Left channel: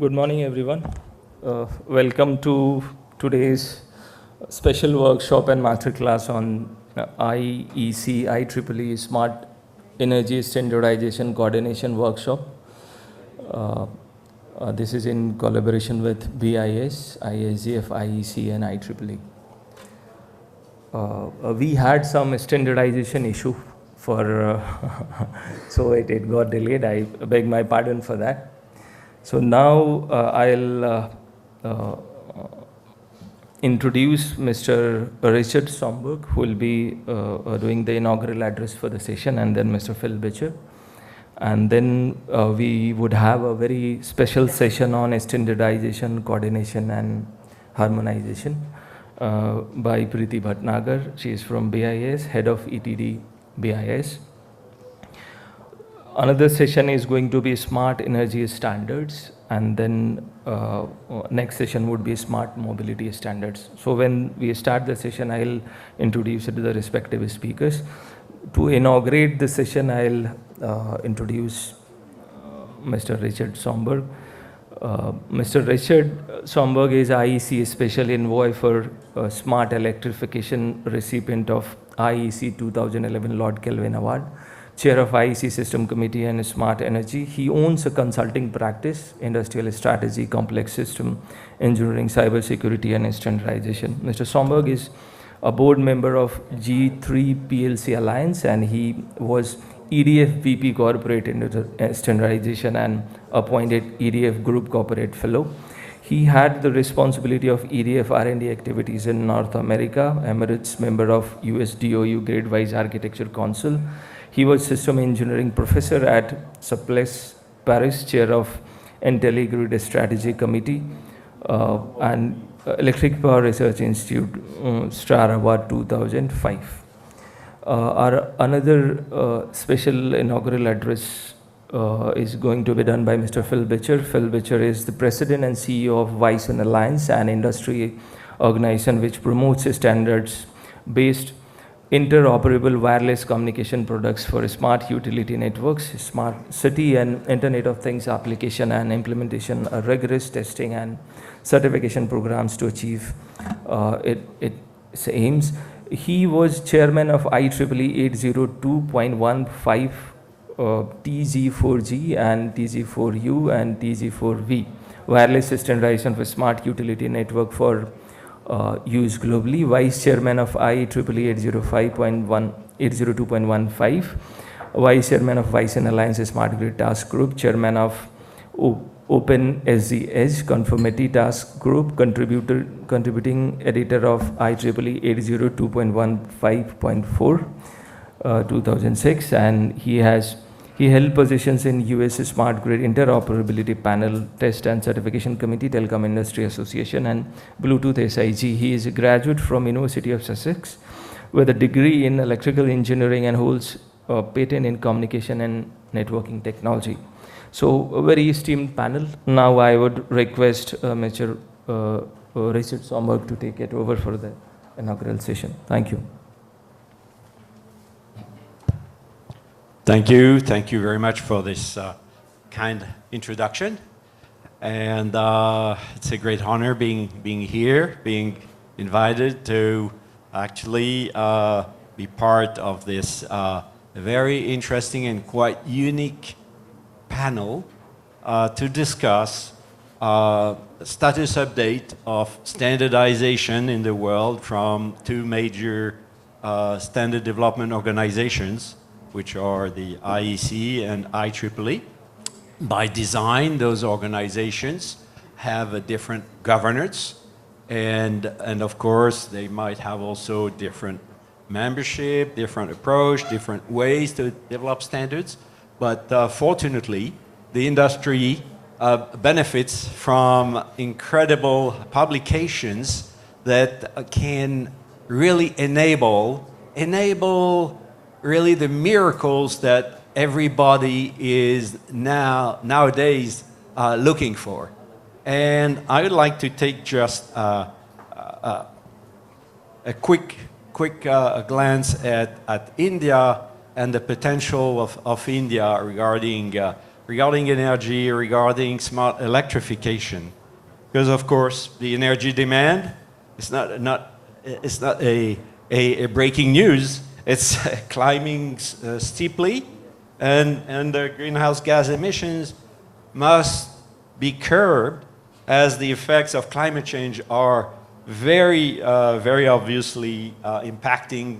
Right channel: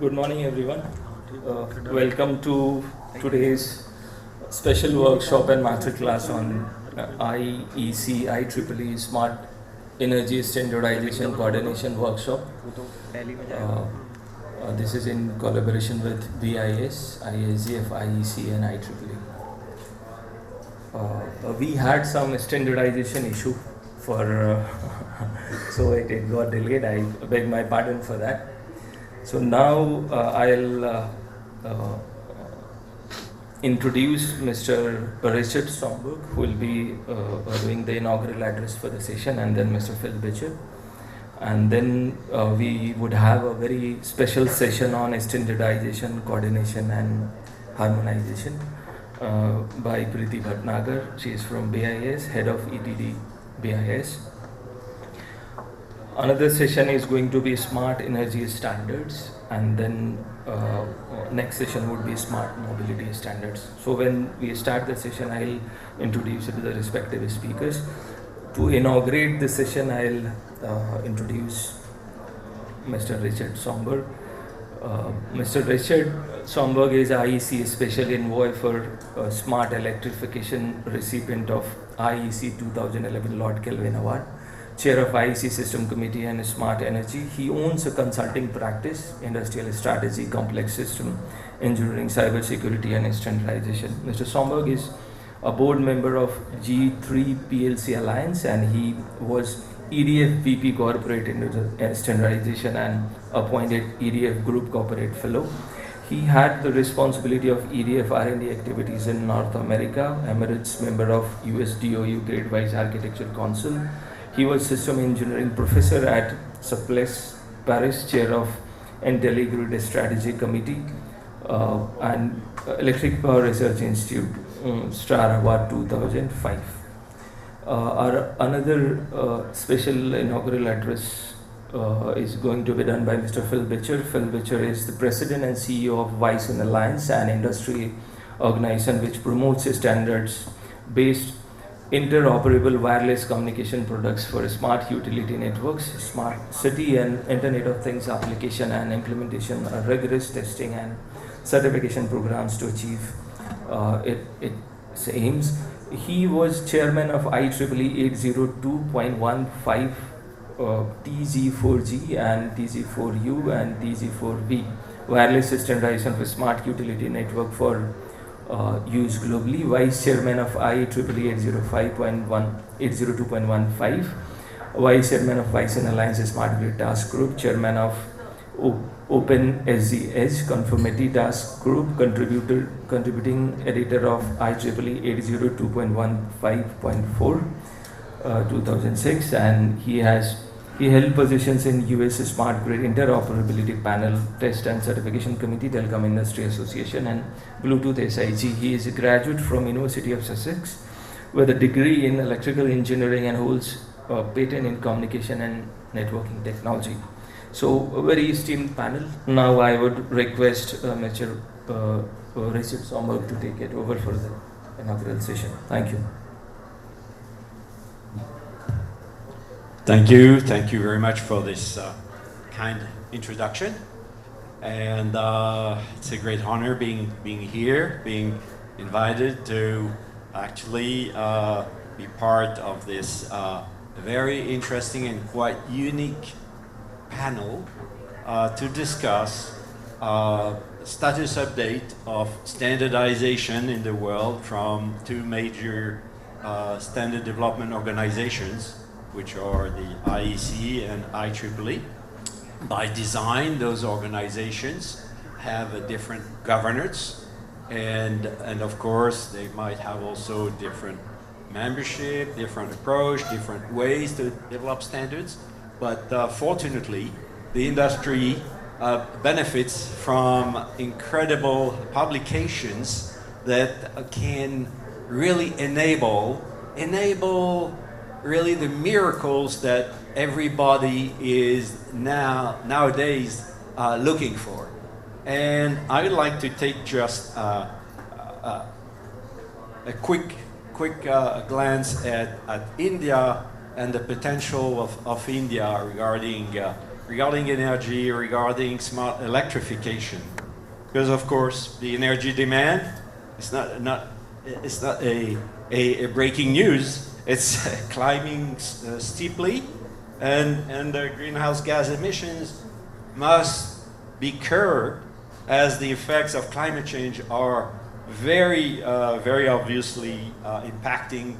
Good morning, everyone. Welcome to today's special workshop and masterclass on IEC-IEEE Smart Energy Standardization Coordination Workshop. This is in collaboration with BIS, ISGF, IEC, and IEEE. We had some standardization issue for, so it got delayed. I beg my pardon for that. So now I'll introduce Mr. Richard Somberg, who will be doing the inaugural address for the session, and then Mr. Phil Bitcher. And then we would have a very special session on standardization, coordination, and harmonization by Preeti Bhatnagar. She is from BIS, head of ETD BIS. Another session is going to be smart energy standards, and then next session would be smart mobility standards. So when we start the session, I'll introduce it to the respective speakers. To inaugurate the session, I'll introduce Mr. Richard Somberg. Mr. Richard Somberg is IEC Special Envoy for Smart Electrification, recipient of IEC 2011 Lord Kelvin Award, Chair of IEC System Committee and Smart Energy. He owns a consulting practice, industrial strategy, complex system, engineering, cybersecurity, and standardization. Mr. Somberg is a board member of G3 PLC Alliance, and he was EDF VP Corporate Standardization and appointed EDF Group Corporate Fellow. He had the responsibility of EDF R&D activities in North America, Emirates, member of US DOU Grade-Wise Architecture Council. He was System Engineering Professor at Suples Paris, Chair of IntelliGrid Strategy Committee, and Electric Power Research Institute, Star Award 2005. Our another special inaugural address is going to be done by Mr. Phil Bitcher. Phil Bitcher is the President and CEO of Wyson Alliance, an industry organization which promotes standards-based interoperable wireless communication products for smart utility networks, smart city and Internet of Things application and implementation, rigorous testing and certification programs to achieve its aims. He was chairman of IEEE 802.15 TG4G and TG4U and TG4V, wireless standardization for smart utility network for use globally, Vice Chairman of IEEE 802.15, Vice Chairman of Wyson Alliance Smart Grid Task Group, Chairman of Open SG Edge Conformity Task Group, contributing editor of IEEE 802.15.4 2006, and he held positions in US Smart Grid Interoperability Panel, Test and Certification Committee, Telecom Industry Association, and Bluetooth SIG. He is a graduate from University of Sussex with a degree in electrical engineering and holds a patent in communication and networking technology. So a very esteemed panel. Now I would request Mr. Richard Somberg to take it over for the inaugural session. Thank you. Thank you very much for this kind introduction, and it's a great honor being here, being invited to actually be part of this very interesting and quite unique panel to discuss status update of standardization in the world from two major standard development organizations, which are the IEC and IEEE. By design, those organizations have a different governance, and of course, they might have also different membership, different approach, different ways to develop standards. But fortunately, the industry benefits from incredible publications that can really enable really the miracles that everybody is nowadays looking for. And I would like to take just a quick glance at India and the potential of India regarding regarding energy, regarding smart electrification. Because of course, the energy demand is not a breaking news. It's climbing steeply, and the greenhouse gas emissions must be curbed, as the effects of climate change are very obviously impacting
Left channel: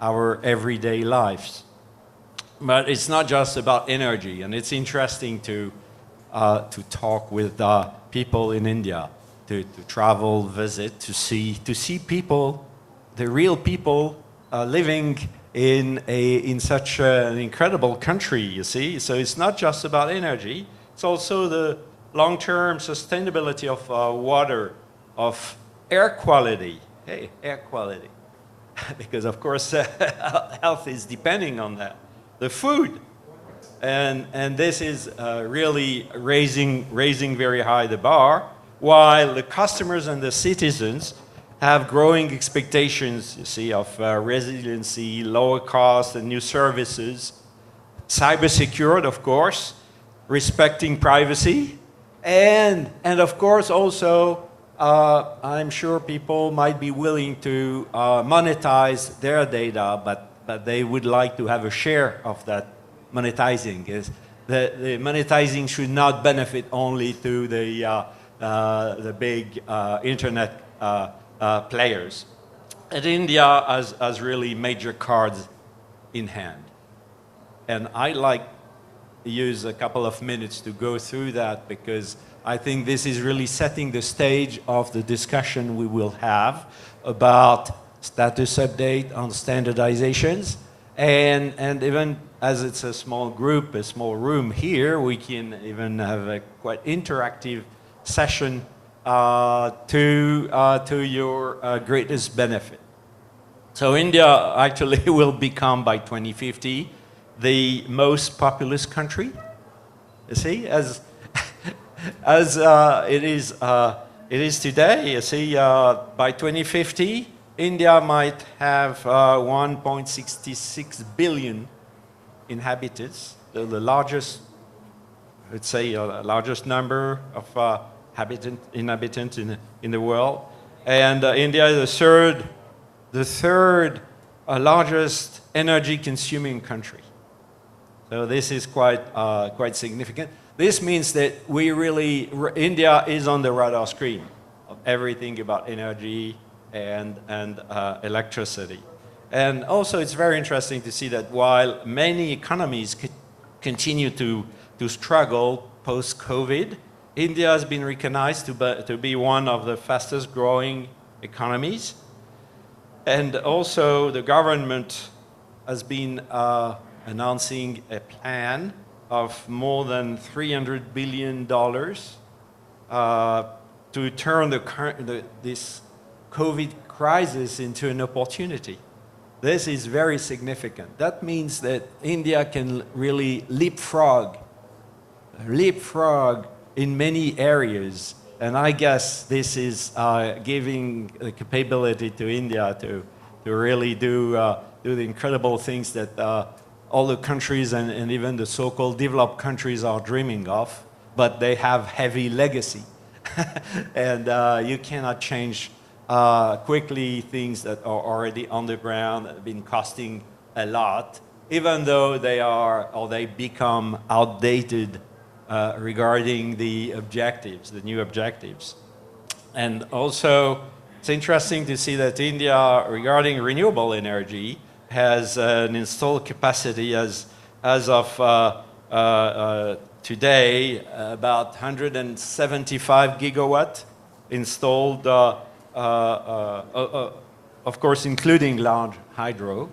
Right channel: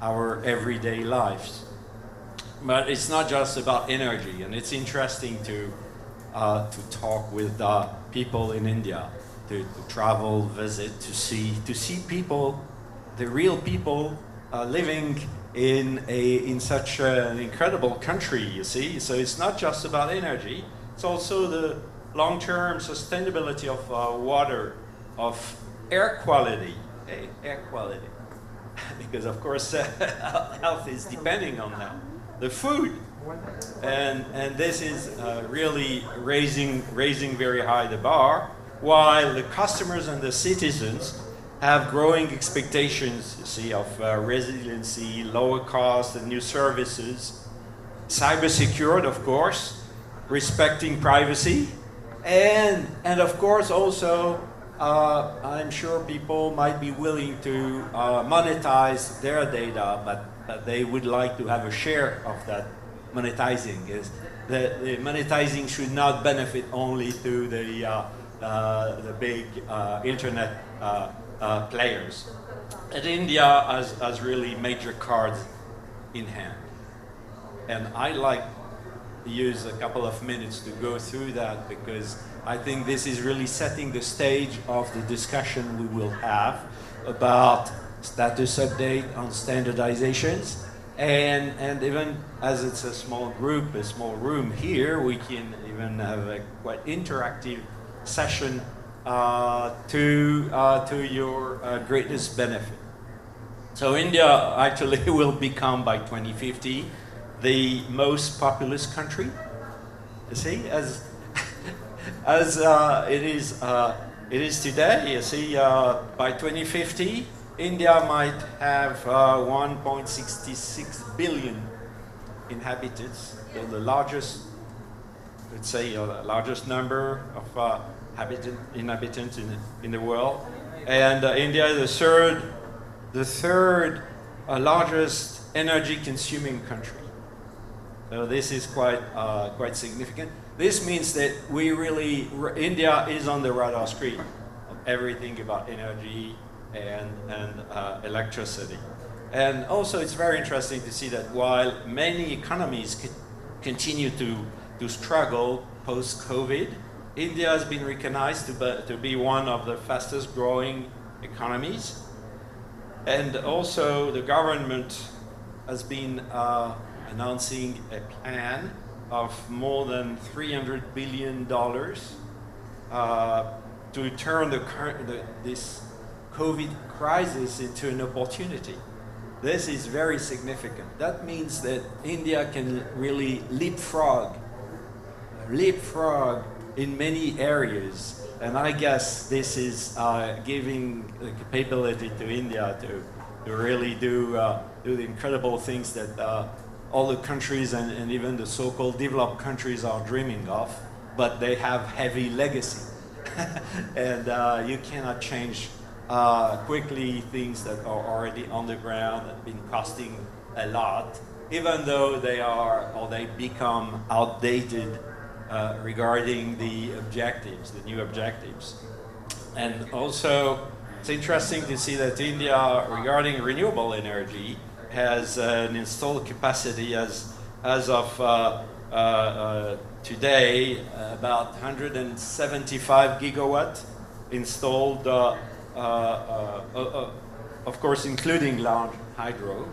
our everyday lives. But it's not just about energy, and it's interesting to talk with people in India, to travel, visit, to see people, the real people living in such an incredible country, you see. So it's not just about energy, it's also the long-term sustainability of water, of air quality. Hey, air quality. Because of course health is depending on that. The food. And this is really raising very high the bar, while the customers and the citizens have growing expectations, you see, of resiliency, lower cost, and new services, cyber-secured, of course, respecting privacy, and of course also, I'm sure people might be willing to monetize their data, but they would like to have a share of that monetizing. The monetizing should not benefit only to the big internet players. And India has really major cards in hand. And I'd like to use a couple of minutes to go through that, because I think this is really setting the stage of the discussion we will have about status update on standardizations. And even as it's a small group, a small room here, we can even have a quite interactive session to your greatest benefit. So India actually will become by 2050 the most populous country. You see, as it is today. You see, by 2050, India might have 1.66 billion inhabitants, the largest, let's say, largest number of inhabitants in the world. And India is the third largest energy-consuming country. So this is quite significant. This means that India is on the radar screen of everything about energy and electricity. And also it's very interesting to see that while many economies continue to struggle post-COVID, India has been recognized to be one of the fastest growing economies. And also the government has been announcing a plan of more than $300 billion to turn this COVID crisis into an opportunity. This is very significant. That means that India can really leapfrog in many areas. And I guess this is giving the capability to India to really do the incredible things that all the countries and even the so-called developed countries are dreaming of, but they have heavy legacy. And you cannot change quickly things that are already on the ground and have been costing a lot, even though they become outdated regarding the objectives, the new objectives. And also, it's interesting to see that India, regarding renewable energy, has an installed capacity as of today, about 175 gigawatt installed, of course including large hydro,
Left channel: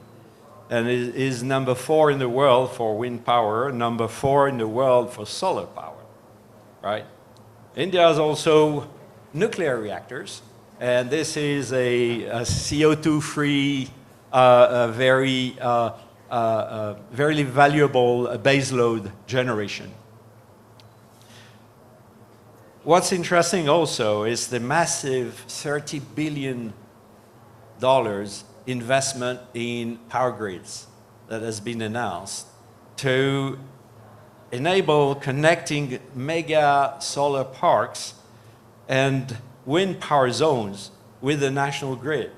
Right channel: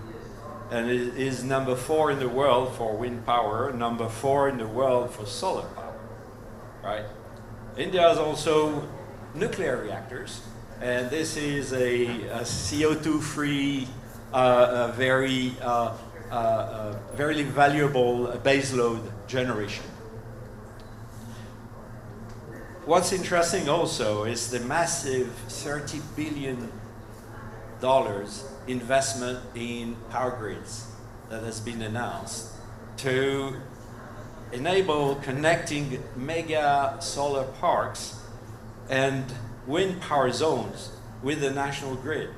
and it is number 4 in the world for wind power, number 4 in the world for solar power, right? India has also nuclear reactors, and this is a CO2-free, very valuable baseload generation. What's interesting also is the massive $30 billion investment in power grids that has been announced to enable connecting mega solar parks and wind power zones with the national grid.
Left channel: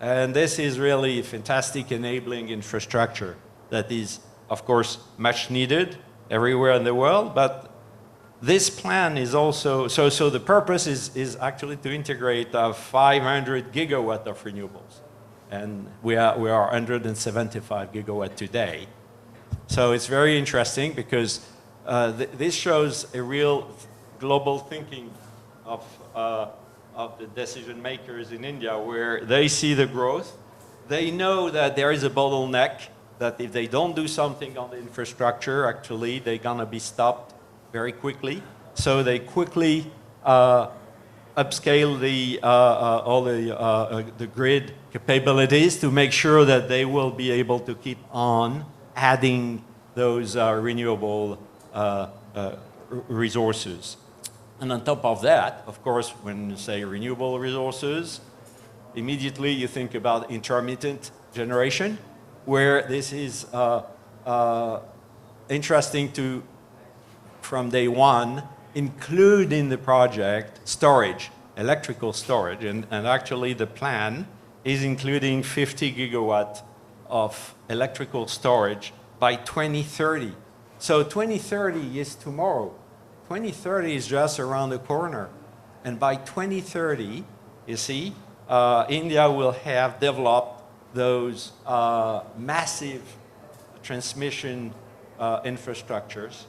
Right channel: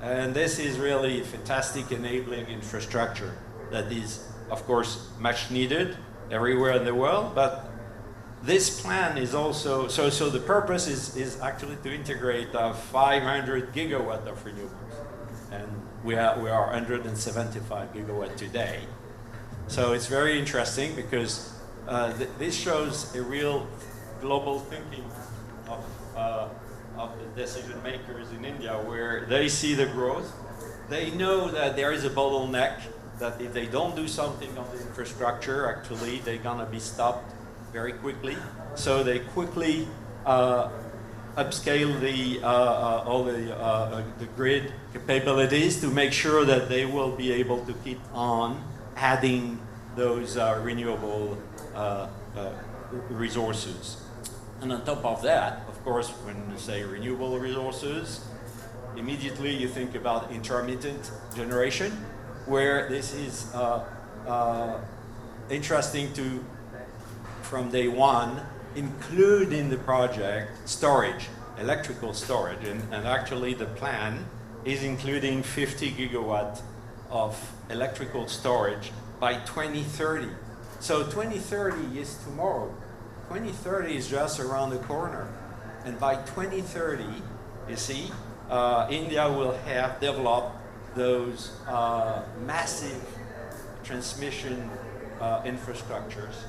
And this is really fantastic enabling infrastructure that is, of course, much needed everywhere in the world, but this plan is also, so the purpose is actually to integrate 500 gigawatt of renewables. And we are 175 gigawatt today. So it's very interesting because this shows a real global thinking of the decision makers in India, where they see the growth. They know that there is a bottleneck, that if they don't do something on the infrastructure, actually, they're gonna be stopped very quickly. So they quickly upscale all the grid capabilities to make sure that they will be able to keep on adding those renewable resources. And on top of that, of course, when you say renewable resources, immediately you think about intermittent generation, where this is interesting to, from day one, include in the project storage, electrical storage, and actually the plan is including 50 gigawatt of electrical storage by 2030. So 2030 is tomorrow. 2030 is just around the corner. And by 2030, you see, India will have developed those massive transmission infrastructures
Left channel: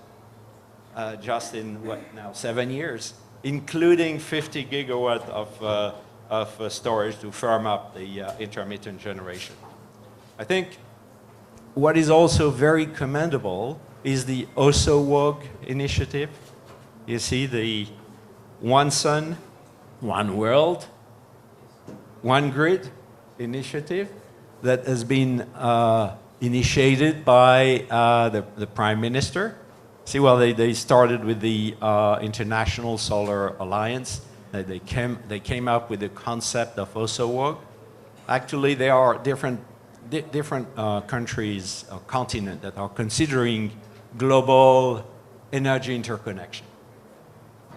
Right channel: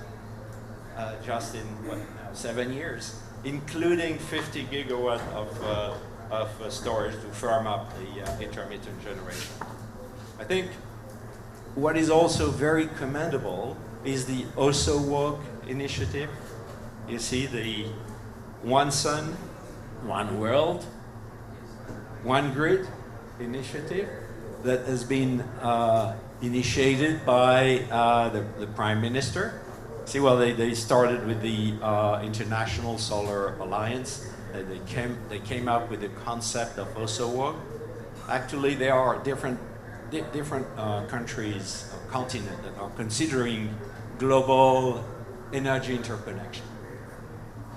just in, what now, 7 years, including 50 gigawatt of storage to firm up the intermittent generation. I think what is also very commendable is the ISUW initiative. You see the One Sun, One World, One Grid initiative that has been initiated by the Prime Minister. See, well, they started with the International Solar Alliance. They came up with the concept of ISUW. Actually, there are different countries or continents that are considering global energy interconnection.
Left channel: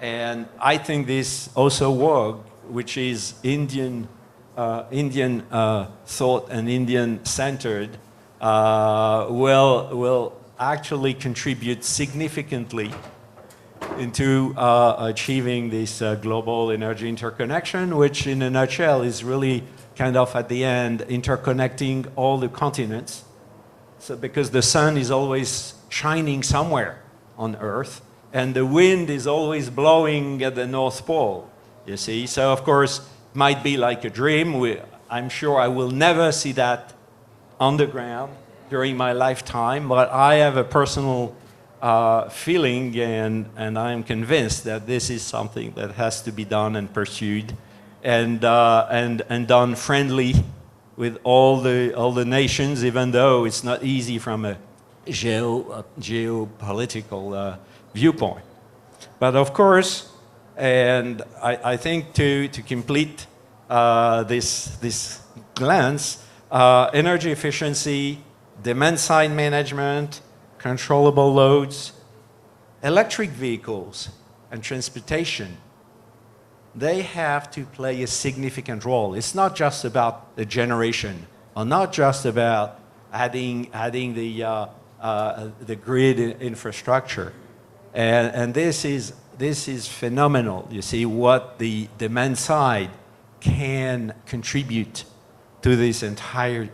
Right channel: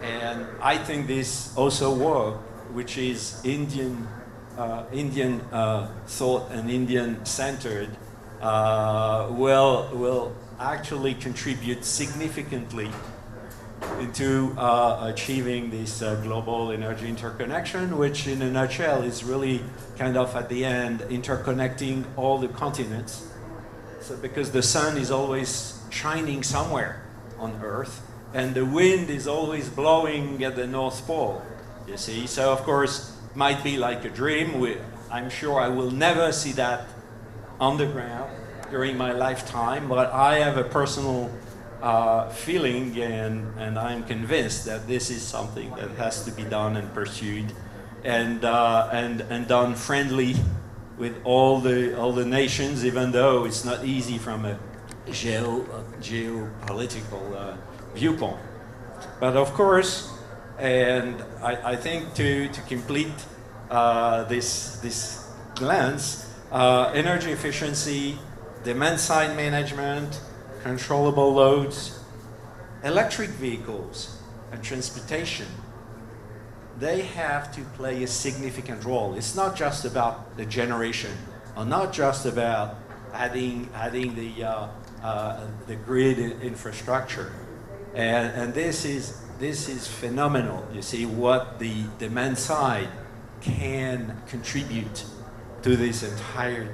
And I think this ISUW, which is Indian thought and Indian centered, will actually contribute significantly into achieving this global energy interconnection, which in a nutshell is really kind of at the end interconnecting all the continents. So because the sun is always shining somewhere on Earth, and the wind is always blowing at the North Pole, you see. So of course, it might be like a dream. I'm sure I will never see that on the ground during my lifetime, but I have a personal feeling, and I'm convinced that this is something that has to be done and pursued, and done friendly with all the nations, even though it's not easy from a geopolitical viewpoint. But of course, and I think to complete this glance, energy efficiency, demand side management, controllable loads, electric vehicles, and transportation, they have to play a significant role. It's not just about the generation, or not just about adding the grid infrastructure. And this is phenomenal. You see what the demand side can contribute to this entire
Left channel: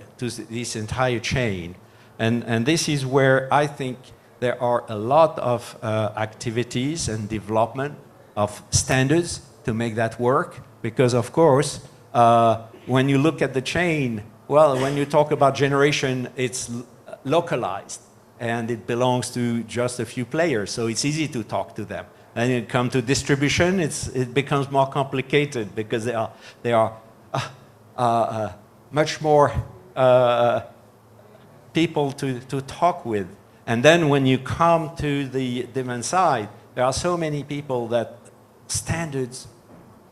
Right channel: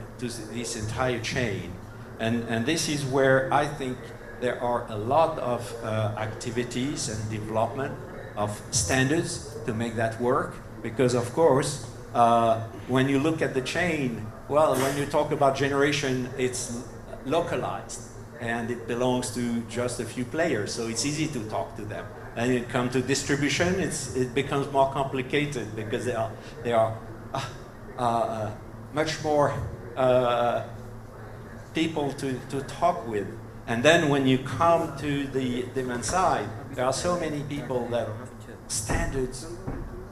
chain. And this is where I think there are a lot of activities and development of standards to make that work. Because of course, when you look at the chain, well, when you talk about generation, it's localized and it belongs to just a few players. So it's easy to talk to them. And when it comes to distribution, it becomes more complicated because there are much more people to talk with. And then when you come to the demand side, there are so many people that standards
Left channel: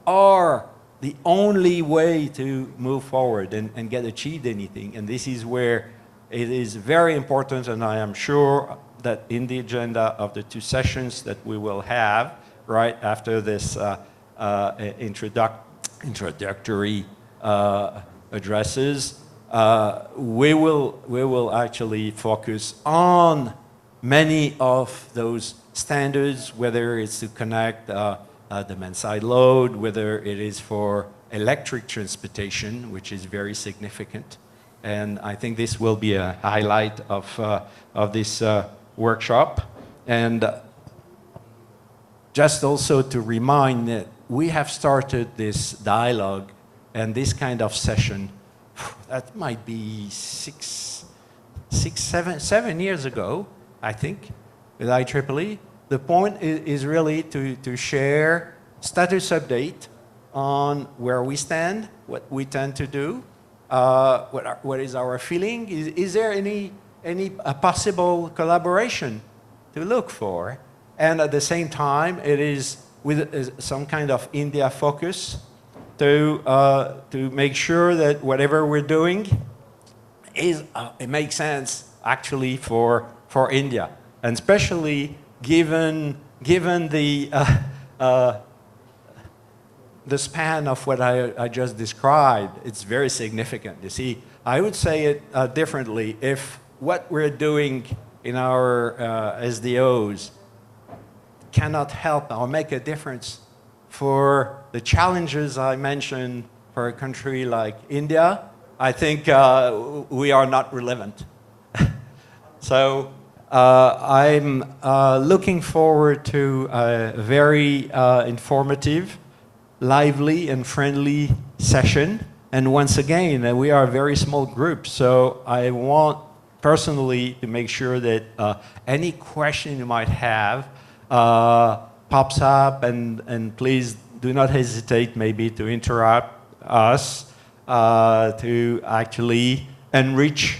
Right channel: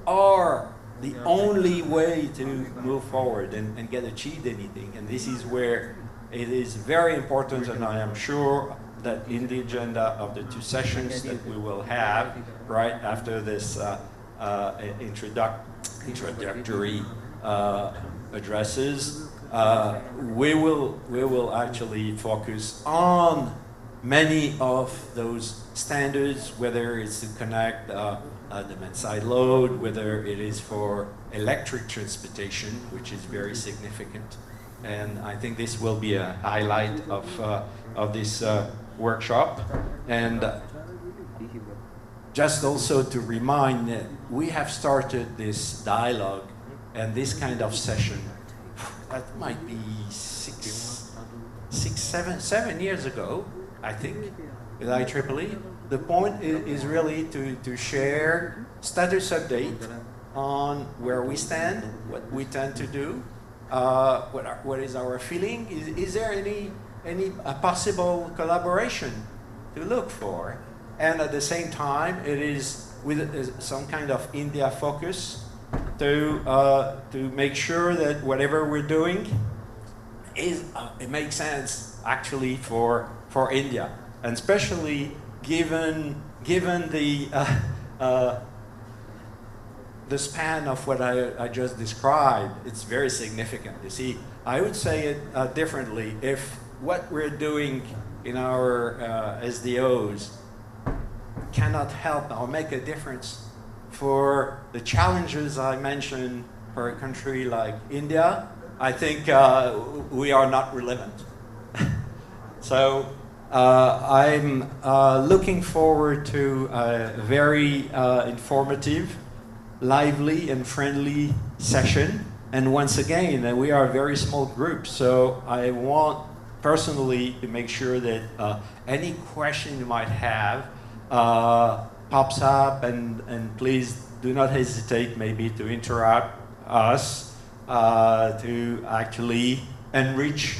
are the only way to move forward and get achieved anything. And this is where it is very important, and I am sure that in the agenda of the 2 sessions that we will have right after this introductory addresses, we will actually focus on many of those standards, whether it's to connect demand-side load, whether it is for electric transportation, which is very significant. And I think this will be a highlight of this workshop. And just also to remind that we have started this dialogue and this kind of session, that might be 7 years ago, I think, with IEEE. The point is really to share status update on where we stand, what we tend to do, what is our feeling. Is there any possible collaboration to look for? And at the same time, it is with some kind of India focus to make sure that whatever we're doing is it makes sense actually for India, and especially given the span of what I just described. It's very significant. You see, I would say it differently. If what we're doing in our SDOs cannot help or make a difference for the challenges I mentioned for a country like India, I think we are not relevant. So I'm looking forward to a very informative, lively and friendly session. And once again, we are a very small group, so I want personally to make sure that any question you might have pops up, and please do not hesitate maybe to interrupt us to actually enrich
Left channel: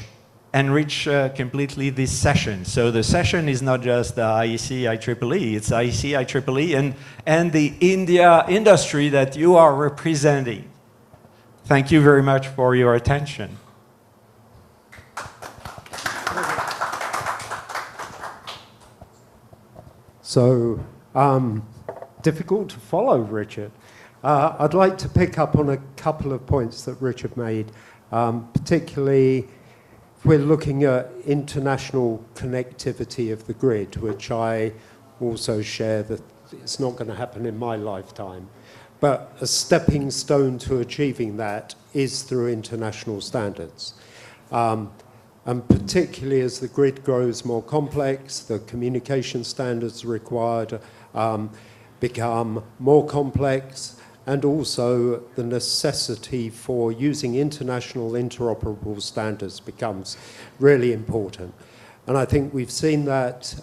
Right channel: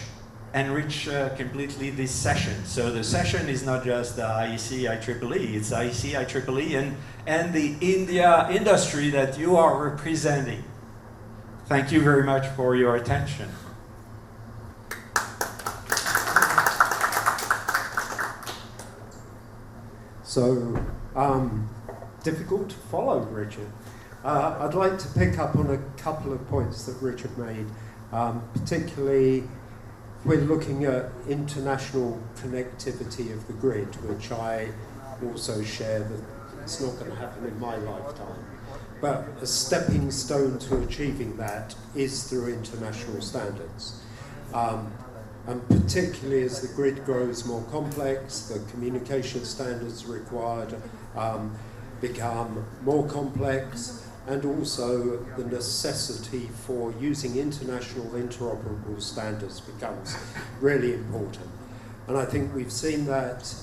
completely this session. So the session is not just the IEC-IEEE, it's IEC-IEEE and the India industry that you are representing. Thank you very much for your attention. So, difficult to follow, Richard. I'd like to pick up on a couple of points that Richard made, particularly if we're looking at international connectivity of the grid, which I also share that it's not going to happen in my lifetime. But a stepping stone to achieving that is through international standards. And particularly as the grid grows more complex, the communication standards required become more complex, and also the necessity for using international interoperable standards becomes really important. And I think we've seen that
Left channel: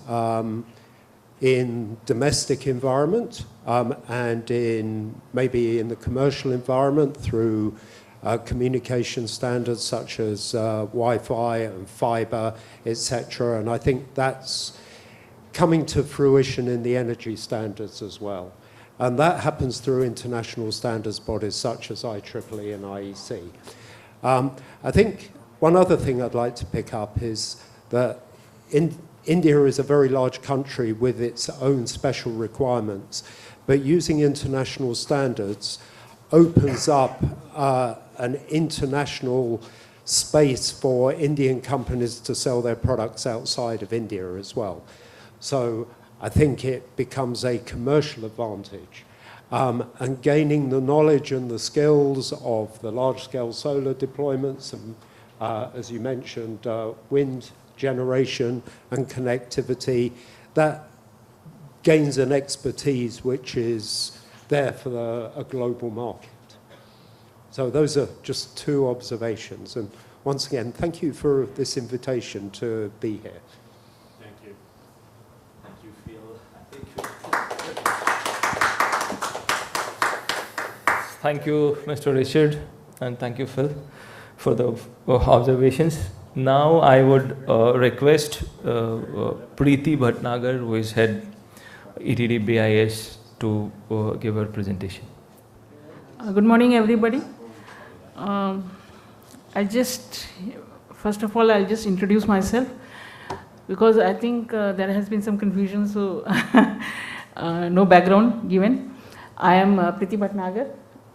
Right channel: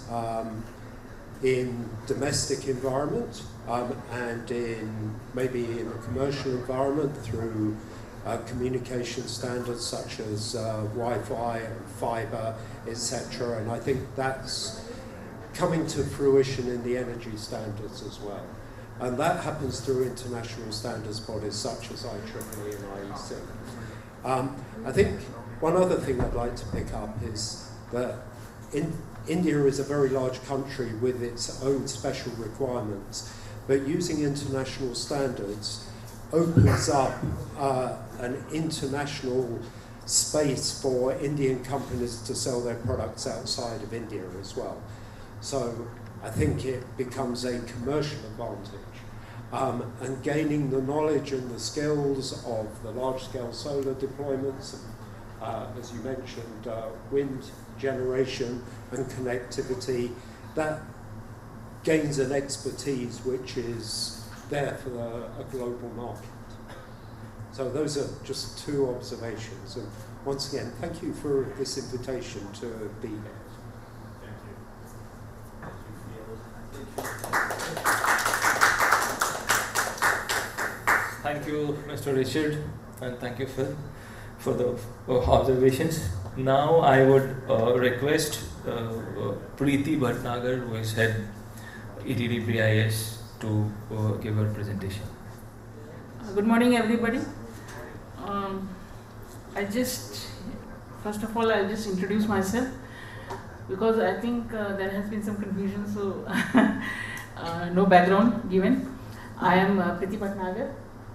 in domestic environment and maybe in the commercial environment through communication standards such as Wi-Fi and fiber, etc. And I think that's coming to fruition in the energy standards as well. And that happens through international standards bodies such as IEEE and IEC. I think one other thing I'd like to pick up is that India is a very large country with its own special requirements, but using international standards opens up an international space for Indian companies to sell their products outside of India as well. So I think it becomes a commercial advantage. And gaining the knowledge and the skills of the large-scale solar deployments, and as you mentioned, wind generation and connectivity, that gains an expertise which is there for a global market. So those are just 2 observations. And once again, thank you for this invitation to be here. Thank you. Thank you, Mr. Richard, and thank you, Phil, for the observations. Now I would request Preeti Bhatnagar, who is head ETD BIS, to give her presentation. Good morning, everybody. First of all, I'll just introduce myself. because I think there has been some confusion, so no background given. I am Priti Bhatnagar.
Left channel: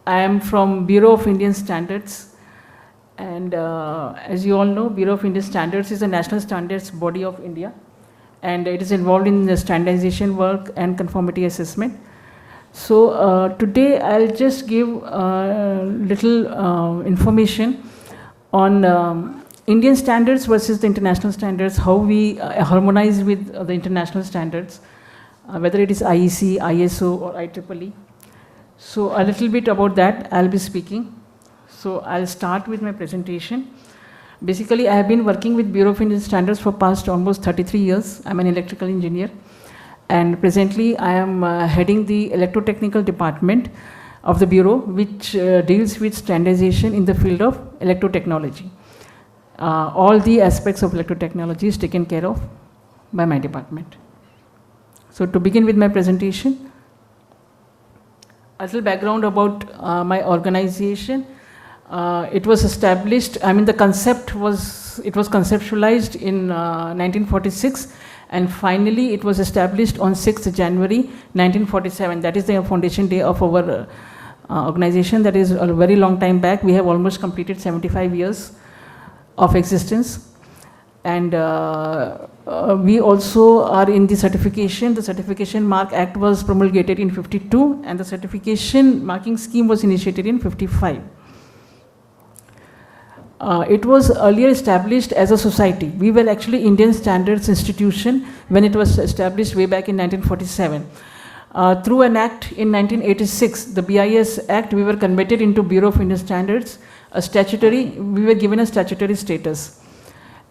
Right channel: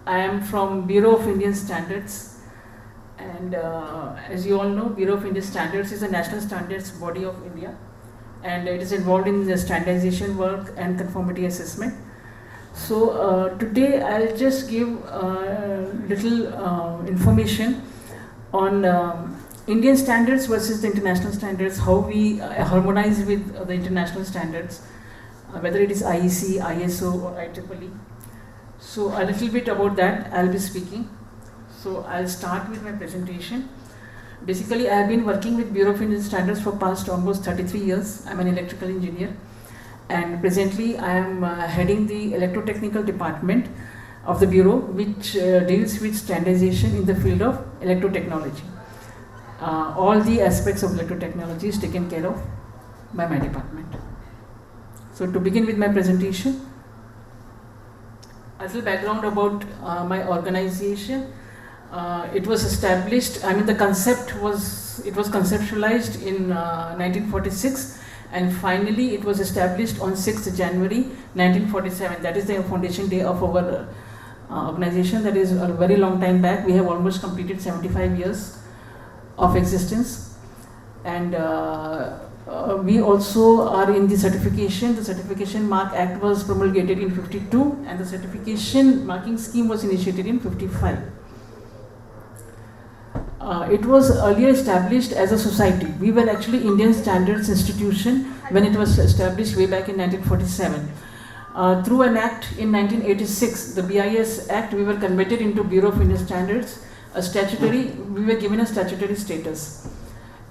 I am from Bureau of Indian Standards, and as you all know, Bureau of Indian Standards is a national standards body of India, and it is involved in the standardization work and conformity assessment. So today I'll just give little information on Indian standards versus the international standards, how we harmonize with the international standards, whether it is IEC, ISO or IEEE. So a little bit about that I'll be speaking. So I'll start with my presentation. Basically, I have been working with Bureau of Indian Standards for past almost 33 years. I'm an electrical engineer, and presently I am heading the electrotechnical department of the Bureau, which deals with standardization in the field of electrotechnology. All the aspects of electrotechnology is taken care of by my department. So to begin with my presentation, a little background about my organization. It was established, the concept was, it was conceptualized in 1946, and finally it was established on 6th January 1947. That is the foundation day of our organization. That is a very long time back. We have almost completed 75 years of existence, and we also are in the certification. The Certification Mark Act was promulgated in 52, and the certification marking scheme was initiated in 55. It was earlier established as a society. We were actually Indian Standards Institution when it was established way back in 1947. Through an act in 1986, the BIS Act, we were converted into Bureau of Indian Standards, we were given a statutory status.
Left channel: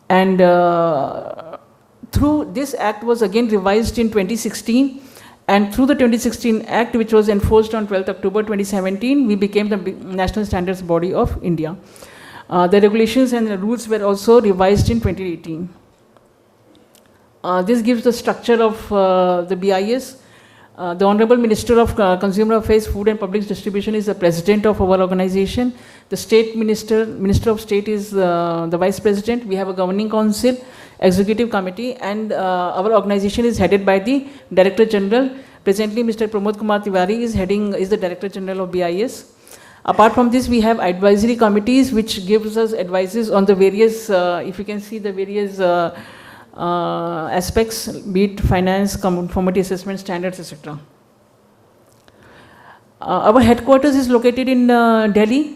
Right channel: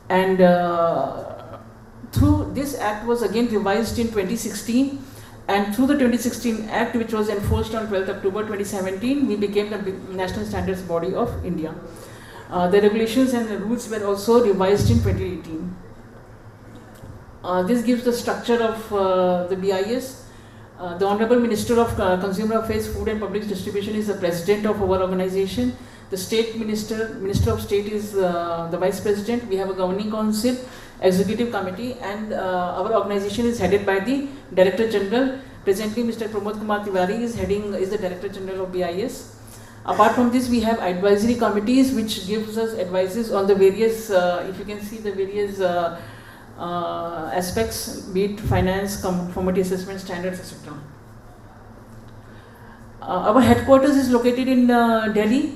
And through this act was again revised in 2016, and through the 2016 act, which was enforced on 12th October 2017, we became the National Standards Body of India. The regulations and the rules were also revised in 2018. This gives the structure of the BIS. The Honorable Minister of Consumer Affairs, Food and Public Distribution is the president of our organization. The State Minister of State is the Vice President. We have a Governing Council, Executive Committee, and our organization is headed by the Director General. Presently, Mr. Pramod Kumar Tiwari is the Director General of BIS. Apart from this, we have advisory committees which gives us advices on the various, if you can see the various aspects, be it finance, conformity assessment, standards, etc. Our headquarters is located in Delhi,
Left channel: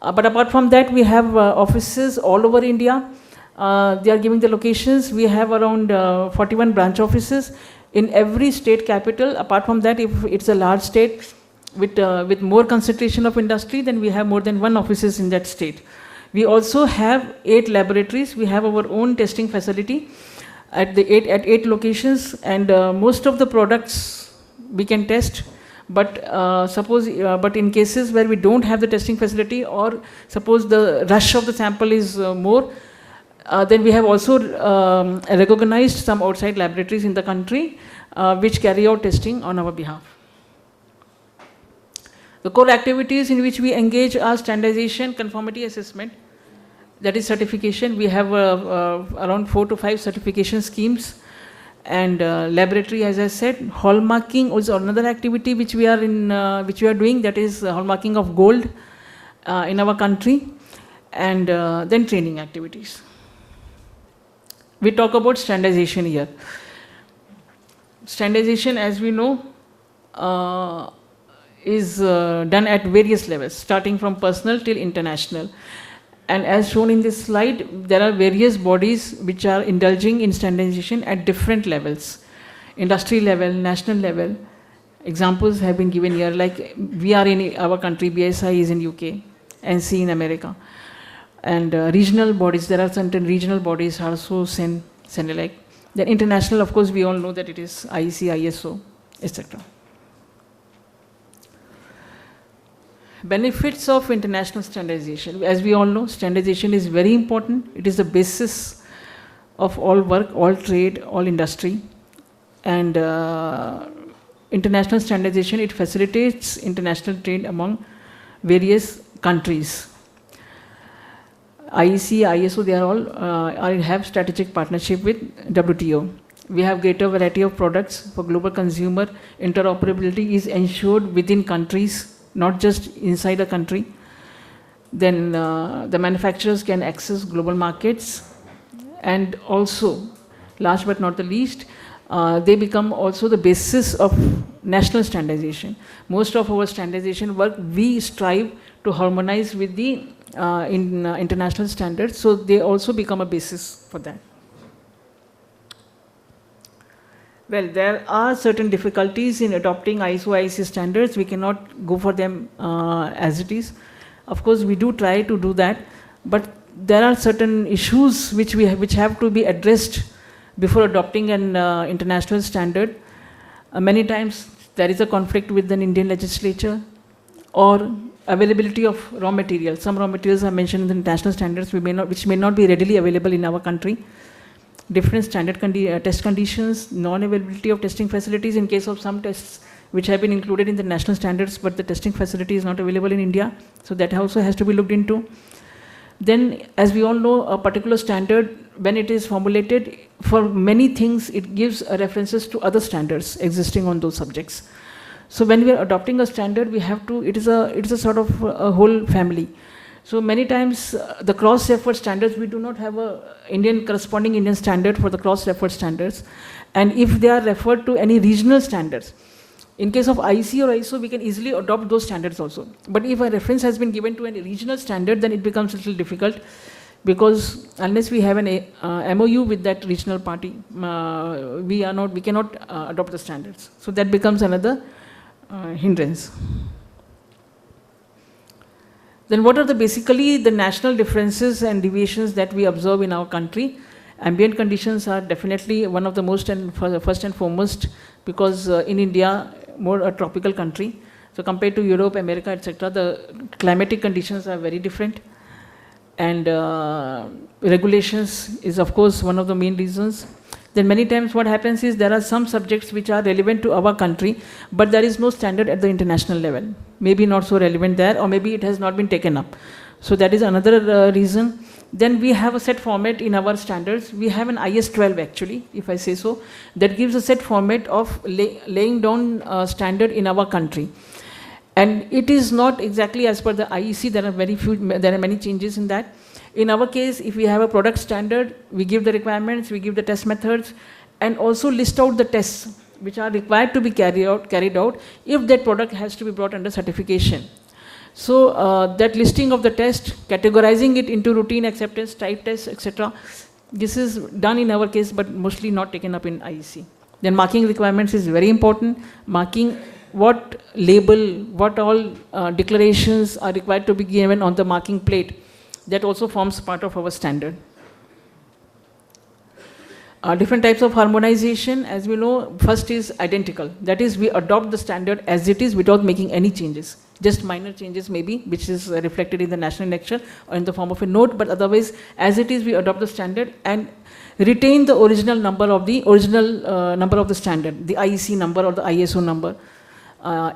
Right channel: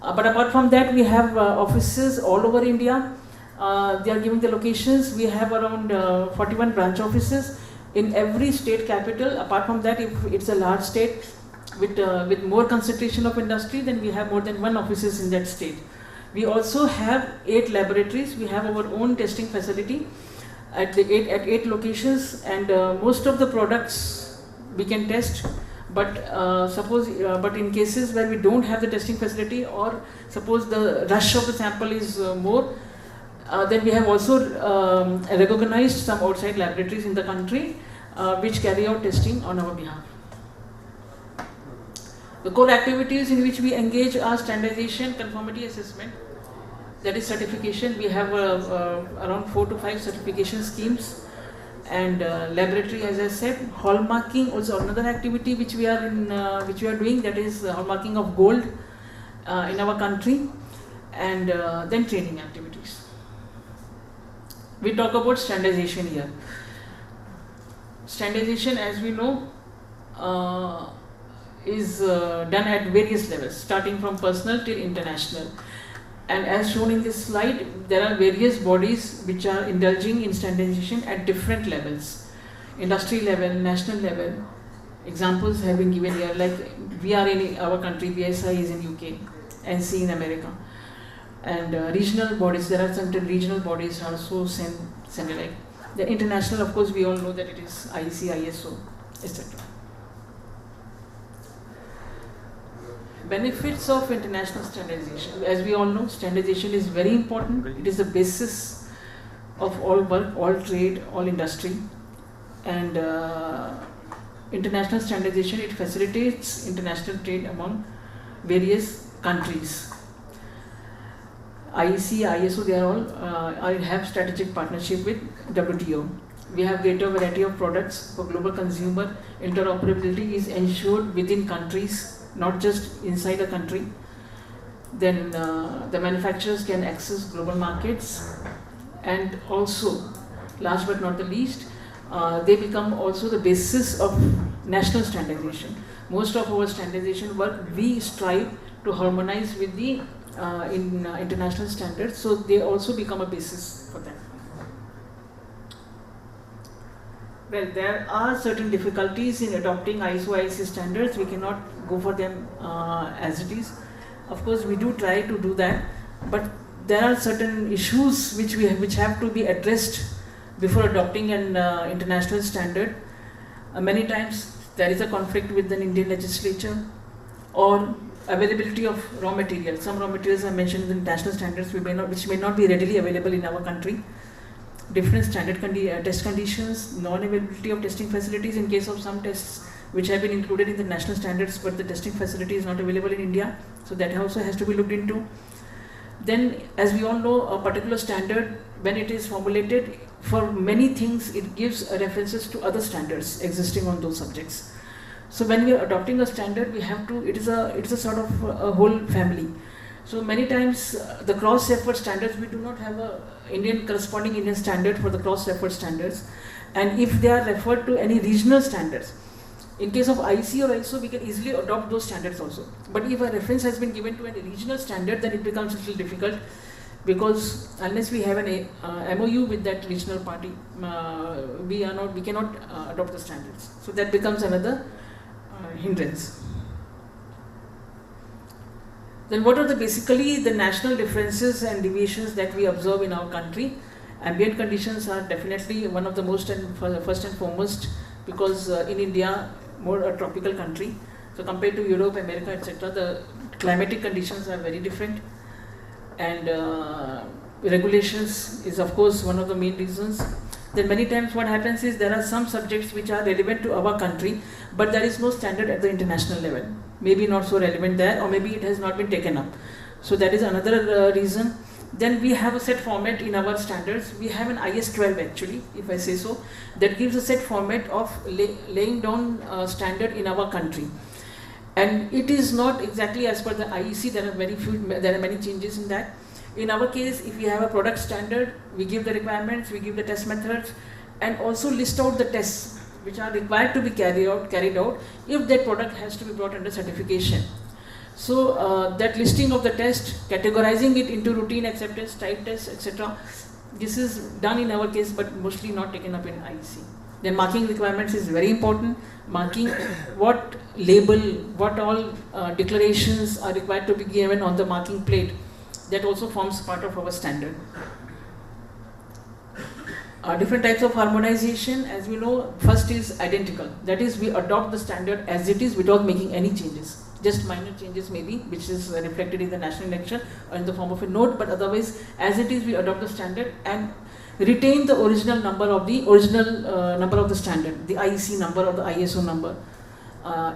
but apart from that, we have offices all over India. They are giving the locations. We have around 41 branch offices in every state capital. Apart from that, if it's a large state with more concentration of industry, then we have more than one offices in that state. We also have 8 laboratories. We have our own testing facility at 8 locations, and most of the products we can test. But but in cases where we don't have the testing facility, or suppose the rush of the sample is more, then we have also recognized some outside laboratories in the country which carry out testing on our behalf. The core activities in which we engage are standardization, conformity assessment, that is certification. We have around 4 to 5 certification schemes, and laboratory, as I said. Hallmarking is another activity which we are doing, that is hallmarking of gold in our country, and then training activities. We talk about standardization here. Standardization, as we know, is done at various levels, starting from personal till international. And as shown in this slide, there are various bodies which are indulging in standardization at different levels. Industry level, national level. Examples have been given here, like we are in our country, BSI is in UK, NC in America. And regional bodies, there are certain regional bodies also like. Then international, of course, we all know that it is IEC, ISO, etc. Benefits of international standardization. As we all know, standardization is very important. It is the basis of all work, all trade, all industry. And international standardization, it facilitates international trade among various countries. IEC, ISO, they are all have strategic partnership with WTO. We have greater variety of products for global consumer. Interoperability is ensured within countries, not just inside a country. Then the manufacturers can access global markets, and also, last but not the least, they become also the basis of national standardization. Most of our standardization work, we strive to harmonize with the international standards, so they also become a basis for that. Well, there are certain difficulties in adopting ISO-IEC standards. We cannot go for them as it is. Of course, we do try to do that, but there are certain issues which have to be addressed before adopting an international standard. Many times there is a conflict with an Indian legislature, or availability of raw materials. Some raw materials are mentioned in the international standards which may not be readily available in our country. Different standard test conditions, non-availability of testing facilities in case of some tests which have been included in the national standards, but the testing facility is not available in India. So that also has to be looked into. Then, as we all know, a particular standard, when it is formulated, for many things it gives references to other standards existing on those subjects. So when we are adopting a standard, we have to, it is a sort of a whole family. So many times the cross-referred standards, we do not have a corresponding Indian standard for the cross-referred standards. And if they are referred to any regional standards, in case of IEC or ISO, we can easily adopt those standards also. But if a reference has been given to a regional standard, then it becomes a little difficult, because unless we have an MOU with that regional party, we cannot adopt the standards. So that becomes another hindrance. Then what are basically the national differences and deviations that we observe in our country? Ambient conditions are definitely one of the most and first and foremost, because in India, more a tropical country. So compared to Europe, America, etc., the climatic conditions are very different. And regulations is of course one of the main reasons. Then many times what happens is there are some subjects which are relevant to our country, but there is no standard at the international level. Maybe not so relevant there, or maybe it has not been taken up. So that is another reason. Then we have a set format in our standards. We have an IS-12 actually, if I say so, that gives a set format of laying down standard in our country. And it is not exactly as per the IEC. There are many changes in that. In our case, if we have a product standard, we give the requirements, we give the test methods, and also list out the tests which are required to be carried out if that product has to be brought under certification. So that listing of the test, categorizing it into routine acceptance, type tests, etc. This is done in our case, but mostly not taken up in IEC. Then marking requirements is very important. Marking what label, what all declarations are required to be given on the marking plate. That also forms part of our standard. Different types of harmonization, as we know, first is identical. That is, we adopt the standard as it is without making any changes. Just minor changes maybe, which is reflected in the national lecture or in the form of a note, but otherwise, as it is, we adopt the standard and retain the original number of the standard, the IEC number or the ISO number.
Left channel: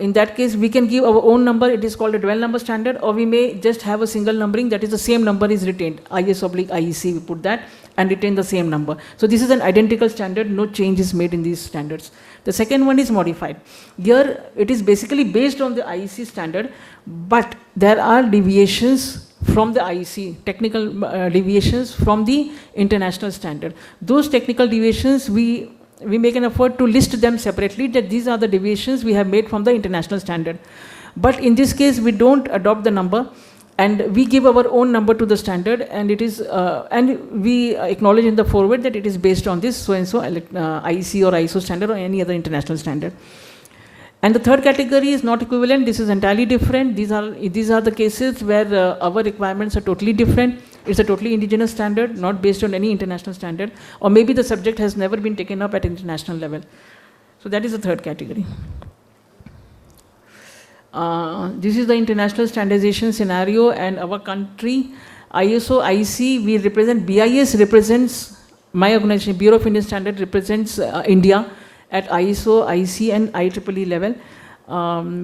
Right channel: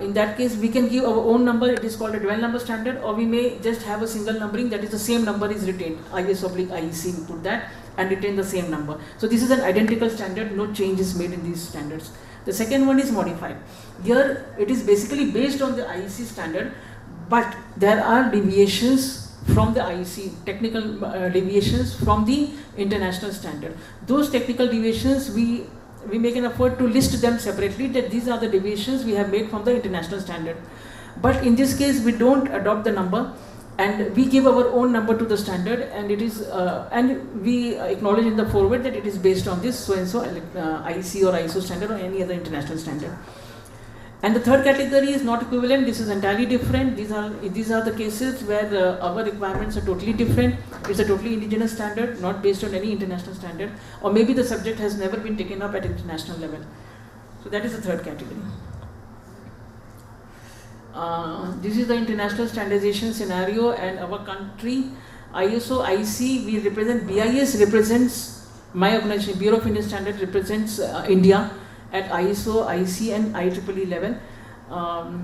In that case, we can give our own number, it is called a dual number standard, or we may just have a single numbering, that is the same number is retained, IS/IEC, we put that and retain the same number. So this is an identical standard, no change is made in these standards. The second one is modified. Here it is basically based on the IEC standard, but there are deviations from the IEC, technical deviations from the international standard. Those technical deviations, we make an effort to list them separately, that these are the deviations we have made from the international standard. But in this case, we don't adopt the number, and we give our own number to the standard, and it is and we acknowledge in the forward that it is based on this so-and-so IEC or ISO standard or any other international standard. And the third category is not equivalent. This is entirely different. These are the cases where our requirements are totally different. It's a totally indigenous standard, not based on any international standard, or maybe the subject has never been taken up at international level. So that is the third category. This is the international standardization scenario, and our country, ISO, IEC, we represent, BIS represents, my organization, Bureau of Indian Standards represents India at ISO, IEC and IEEE level.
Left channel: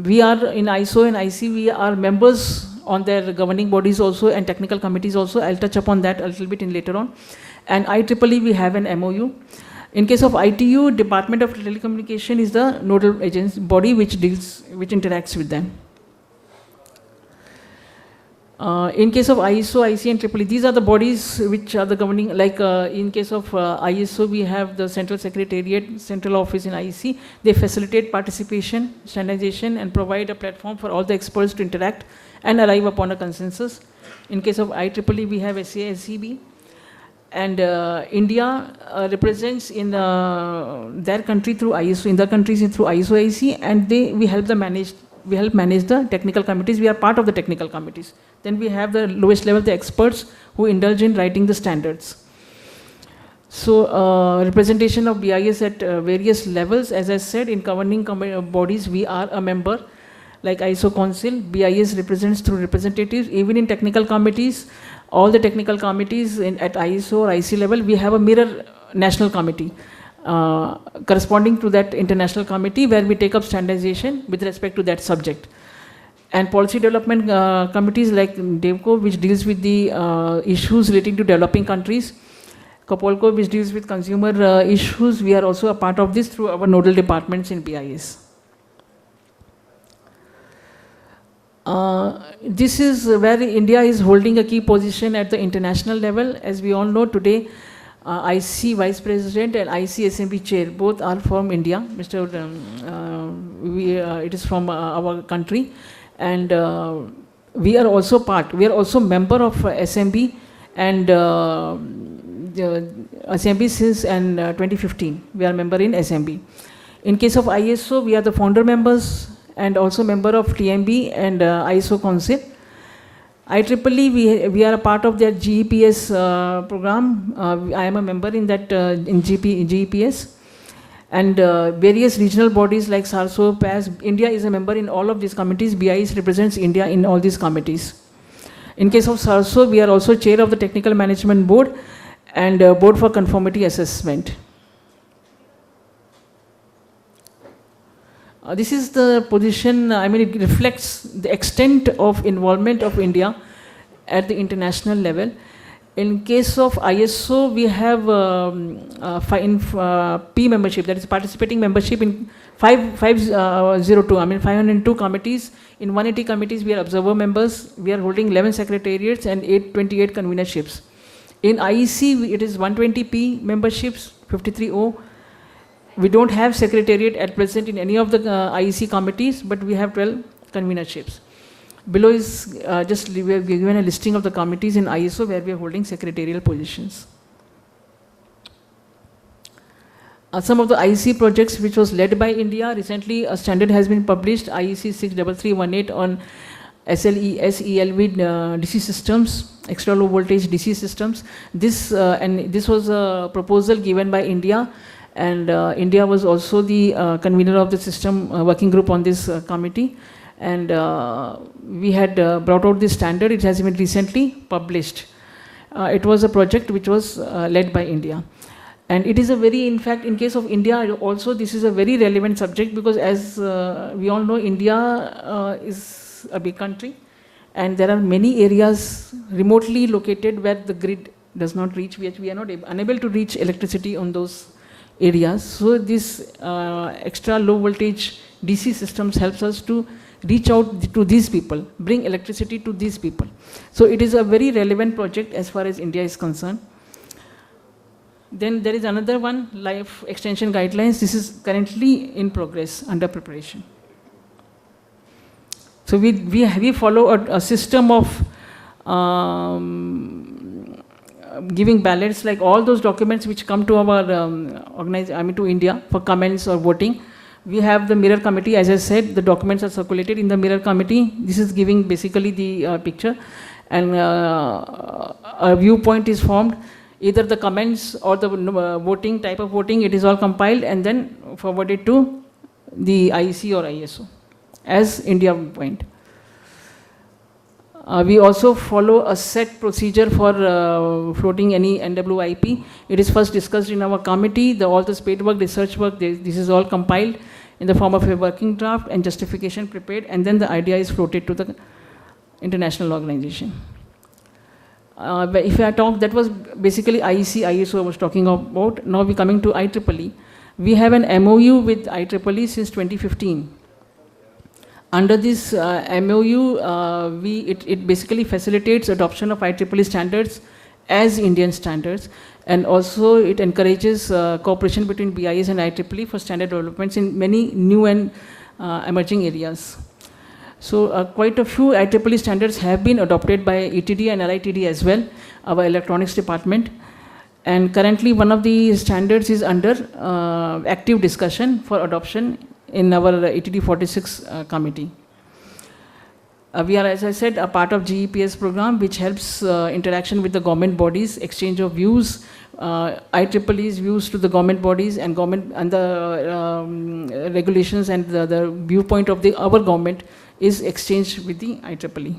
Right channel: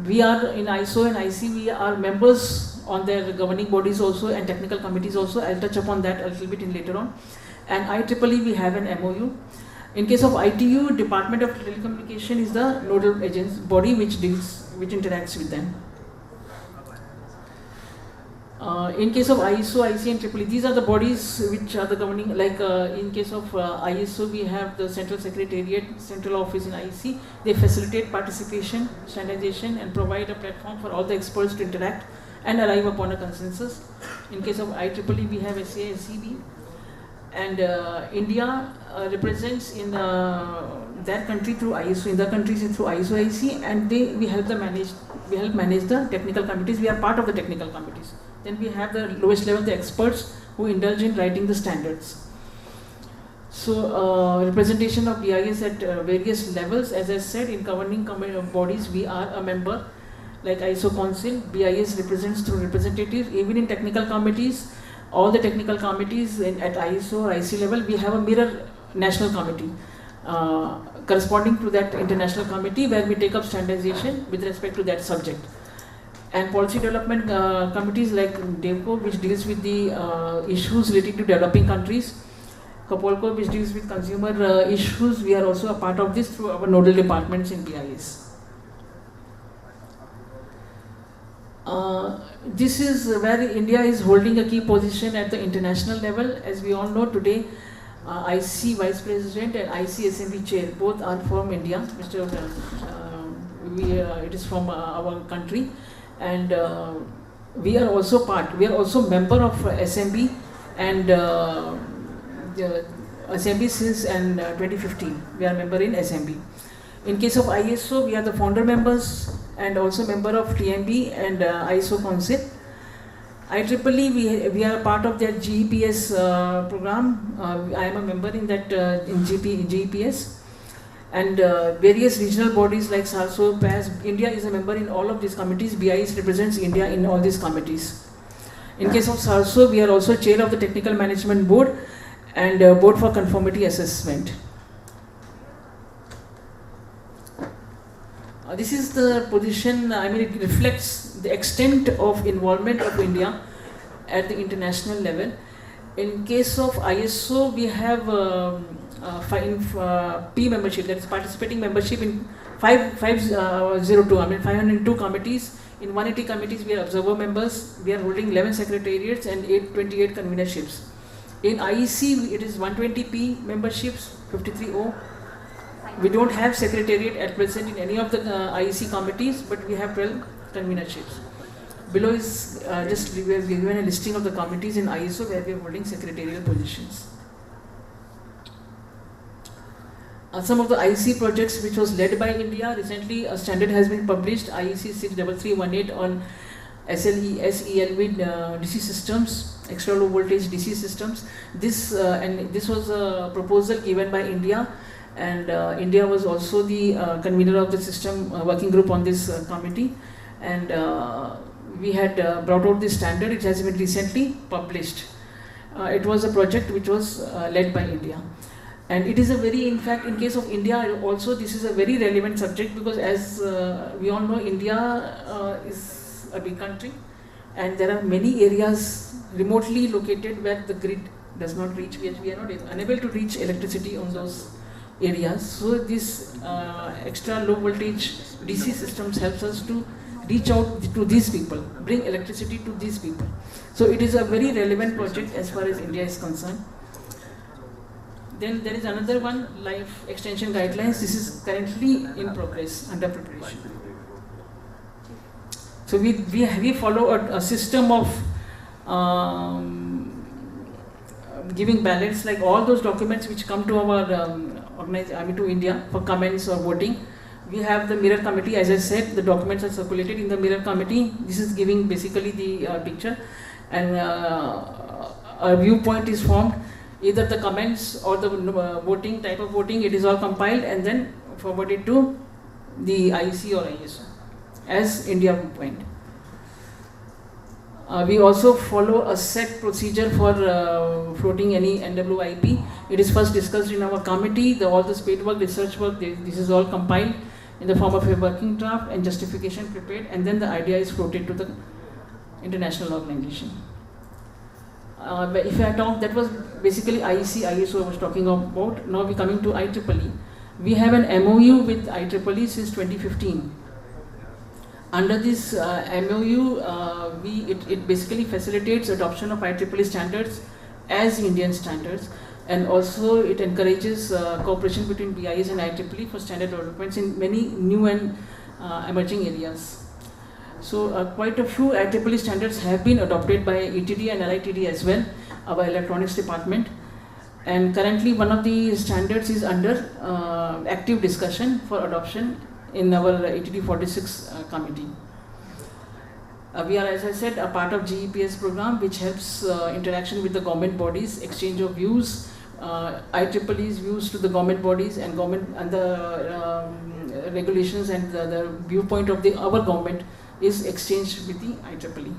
We are in ISO and IEC, we are members on their governing bodies also and technical committees also. I'll touch upon that a little bit in later on. And IEEE, we have an MOU. In case of ITU, Department of Telecommunication is the nodal agency body which interacts with them. In case of ISO, IC and IEEE, these are the bodies which are the governing, like in case of ISO, we have the Central Secretariat, Central Office in IEC. They facilitate participation, standardization, and provide a platform for all the experts to interact and arrive upon a consensus. In case of IEEE, we have SCA, SCB. And India represents in their country through ISO, in the countries through ISO, IC, and we help manage the technical committees. We are part of the technical committees. Then we have the lowest level, the experts who indulge in writing the standards. So representation of BIS at various levels, as I said, in governing bodies, we are a member. Like ISO Council, BIS represents through representatives. Even in technical committees, all the technical committees at ISO or IC level, we have a mirror national committee. Corresponding to that international committee where we take up standardization with respect to that subject. And policy development committees like DEVCO, which deals with the issues relating to developing countries. COPOLCO, which deals with consumer issues. We are also a part of this through our nodal departments in BIS. This is where India is holding a key position at the international level. As we all know today, IC Vice President and IC Assembly Chair, both are from India. It is from our country, and we are also member of SMB and SMB since 2015. We are member in SMB. In case of ISO, we are the founder members and also member of TMB and ISO Council. IEEE, we are a part of their GEPS program. I am a member in that in GEPS. And various regional bodies like SARSO, PAS. India is a member in all of these committees. BIS represents India in all these committees. In case of SARSO, we are also chair of the Technical Management Board and Board for Conformity Assessment. This is the position, it reflects the extent of involvement of India at the international level. In case of ISO, we have P membership, that is participating membership in 502 committees. In 180 committees, we are observer members. We are holding 11 secretariats and 828 convenerships. In IEC, it is 120 P memberships, 53 O. We don't have secretariat at present in any of the IEC committees, but we have 12 convenerships. Below is we have given a listing of the committees in ISO where we are holding secretarial positions. Some of the IEC projects which was led by India, recently a standard has been published, IEC 63318 on SLES-ELV DC systems, extra low voltage DC systems. This was a proposal given by India. And India was also the convener of the system working group on this committee. And we had brought out this standard. It has been recently published. It was a project which was led by India. And it is a very, in fact, in case of India also, this is a very relevant subject because as we all know, India is a big country. And there are many areas remotely located where the grid does not reach. We are not unable to reach electricity on those areas. So this extra low voltage DC systems helps us to reach out to these people, bring electricity to these people. So it is a very relevant project as far as India is concerned. Then there is another one, life extension guidelines. This is currently in progress, under preparation. So we follow a system of giving ballots, like all those documents which come to our to India for comments or voting. We have the mirror committee. As I said, the documents are circulated in the mirror committee. This is giving basically the picture, and a viewpoint is formed. Either the comments or the voting, type of voting, it is all compiled and then forwarded to the IEC or ISO as India point. We also follow a set procedure for floating any NWIP. It is first discussed in our committee, all the spade work, research work, this is all compiled in the form of a working draft and justification prepared, and then the idea is floated to the international organization. If I talk, that was basically IEC-ISO I was talking about. Now we're coming to IEEE. We have an MOU with IEEE since 2015. Under this MOU, it basically facilitates adoption of IEEE standards as Indian standards, and also it encourages cooperation between BIS and IEEE for standard developments in many new and emerging areas. So quite a few IEEE standards have been adopted by ETD and LITD as well, our electronics department. And currently one of the standards is under active discussion for adoption in our ETD 46 committee. We are, as I said, a part of GEPS program, which helps interaction with the government bodies, exchange of views, IEEE's views to the government bodies and the regulations and the viewpoint of our government is exchanged with the IEEE.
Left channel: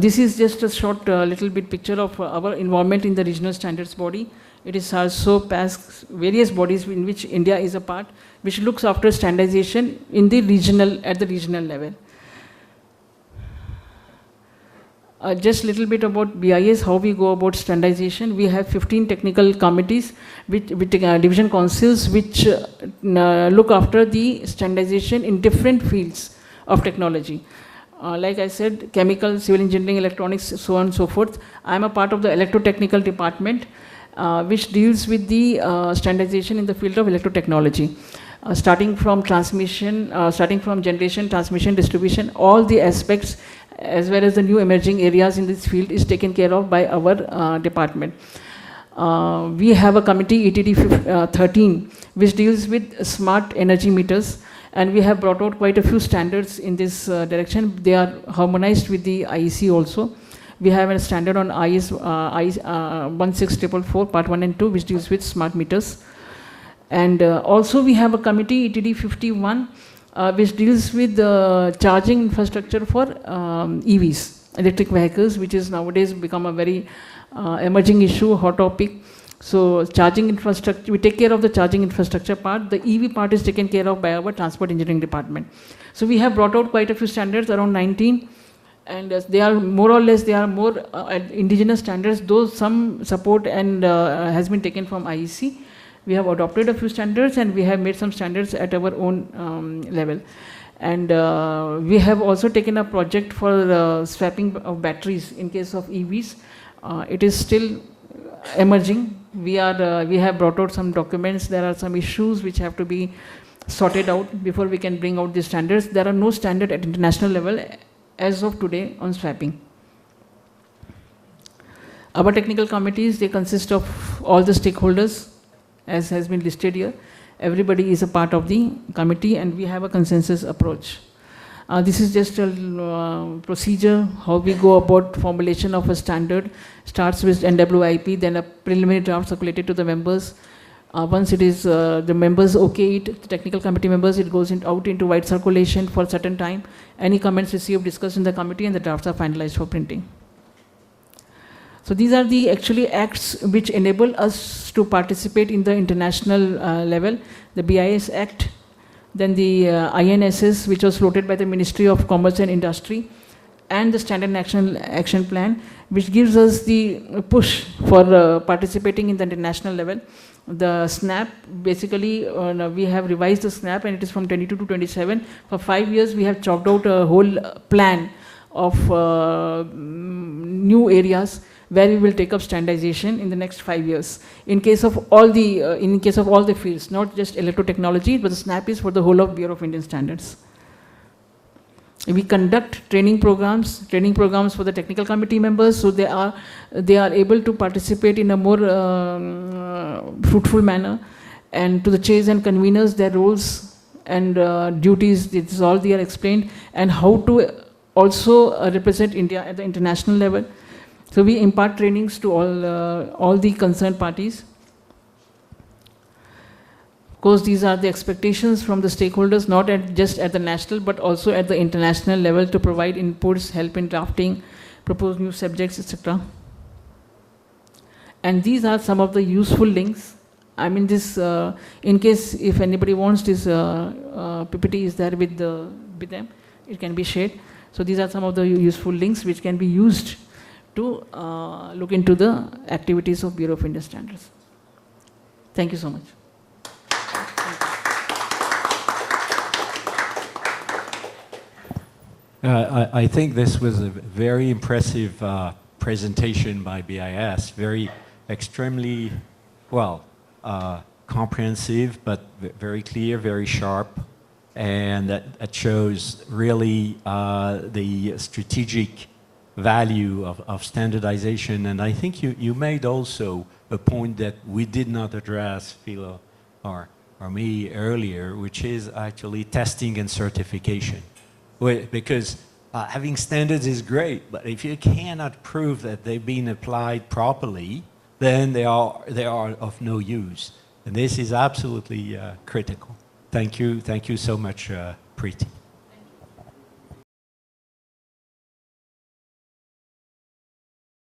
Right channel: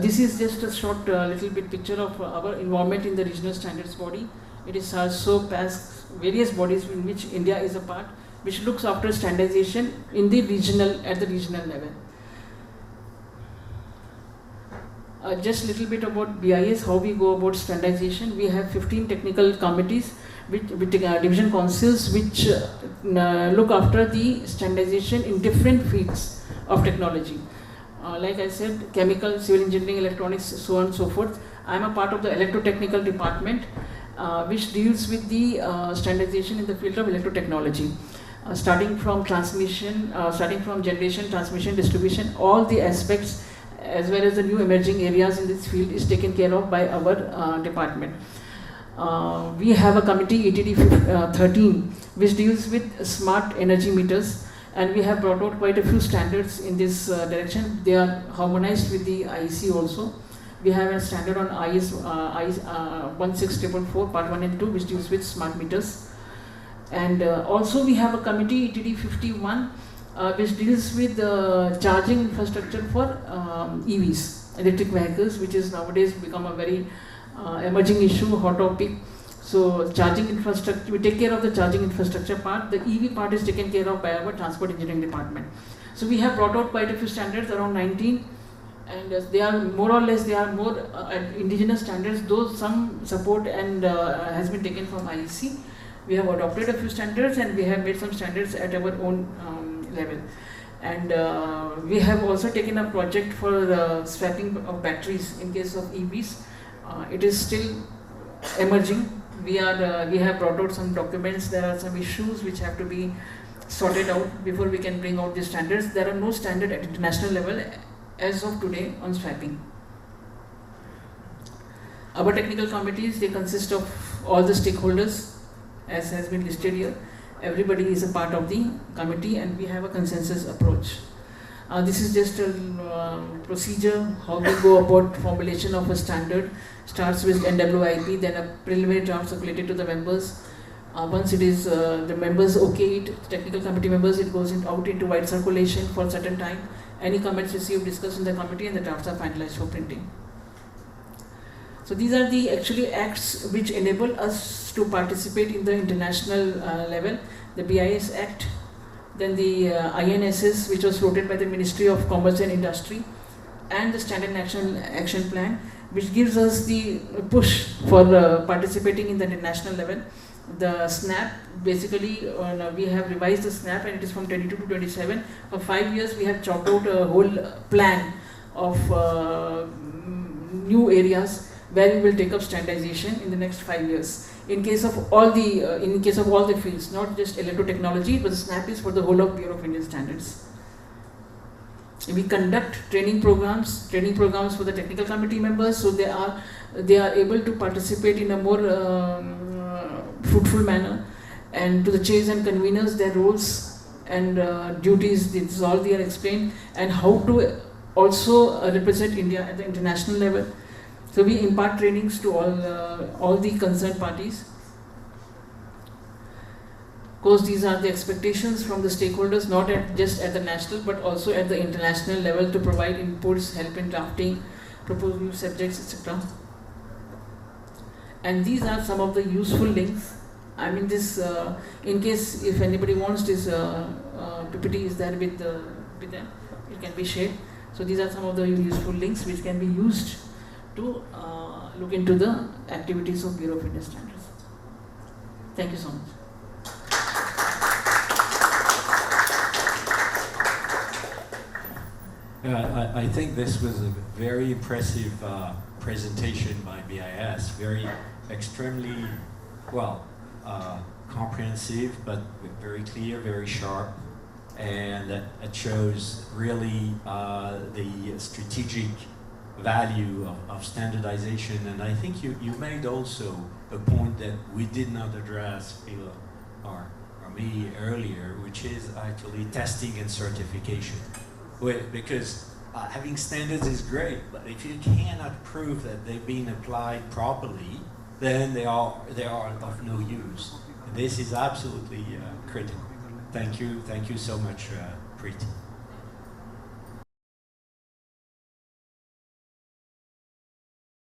This is just a short little bit picture of our involvement in the regional standards body. It is also past various bodies in which India is a part, which looks after standardization in the at the regional level. Just a little bit about BIS, how we go about standardization. We have 15 technical committees with division councils which look after the standardization in different fields of technology. Like I said, chemical, civil engineering, electronics, so on and so forth. I am a part of the electrotechnical department, which deals with the standardization in the field of electrotechnology. Starting from transmission, starting from generation, transmission, distribution, all the aspects as well as the new emerging areas in this field is taken care of by our department. We have a committee, ETD 13, which deals with smart energy meters, and we have brought out quite a few standards in this direction. They are harmonized with the IEC also. We have a standard on IS 16444 part 1 and 2, which deals with smart meters. And also we have a committee, ETD 51, which deals with the charging infrastructure for EVs, electric vehicles, which is nowadays become a very emerging issue, hot topic. So charging infrastructure, we take care of the charging infrastructure part. The EV part is taken care of by our transport engineering department. So we have brought out quite a few standards, around 19, and they are more or less, they are more indigenous standards, though some support and has been taken from IEC. We have adopted a few standards and we have made some standards at our own level. And we have also taken a project for swapping of batteries in case of EVs. It is still emerging. We have brought out some documents. There are some issues which have to be sorted out before we can bring out the standards. There are no standard at international level as of today on swapping. Our technical committees, they consist of all the stakeholders, as has been listed here. Everybody is a part of the committee and we have a consensus approach. This is just a procedure, how we go about formulation of a standard. Starts with NWIP, then a preliminary draft circulated to the members. Once it is, the members okay it, the technical committee members, it goes out into wide circulation for a certain time. Any comments received, discussed in the committee, and the drafts are finalized for printing. So these are the actually acts which enable us to participate in the international level. The BIS Act, then the INSS, which was floated by the Ministry of Commerce and Industry, and the Standard Action Plan, which gives us the push for participating in the international level. The SNAP, basically we have revised the SNAP and it is from 22 to 27. For 5 years we have chalked out a whole plan of new areas where we will take up standardization in the next 5 years. In case of all the fields, not just electrotechnology, but the SNAP is for the whole of Bureau of Indian Standards. We conduct training programs for the technical committee members, so they are able to participate in a more fruitful manner. And to the chairs and conveners, their roles and duties, this is all they are explained, and how to also represent India at the international level. So we impart trainings to all the concerned parties. Of course, these are the expectations from the stakeholders, not just at the national, but also at the international level, to provide inputs, help in drafting, propose new subjects, etc. And these are some of the useful links. I mean, this, in case if anybody wants, this PPT is there with them. it can be shared. So these are some of the useful links which can be used to look into the activities of Bureau of Indian Standards. Thank you so much. I think this was a very impressive presentation by BIS, very extremely, well, comprehensive, but very clear, very sharp, and that shows really the strategic value of standardization. And I think you made also a point that we did not address, Philo or me earlier, which is actually testing and certification. Because having standards is great, but if you cannot prove that they've been applied properly, then they are of no use. And this is absolutely critical. Thank you so much, Preeti.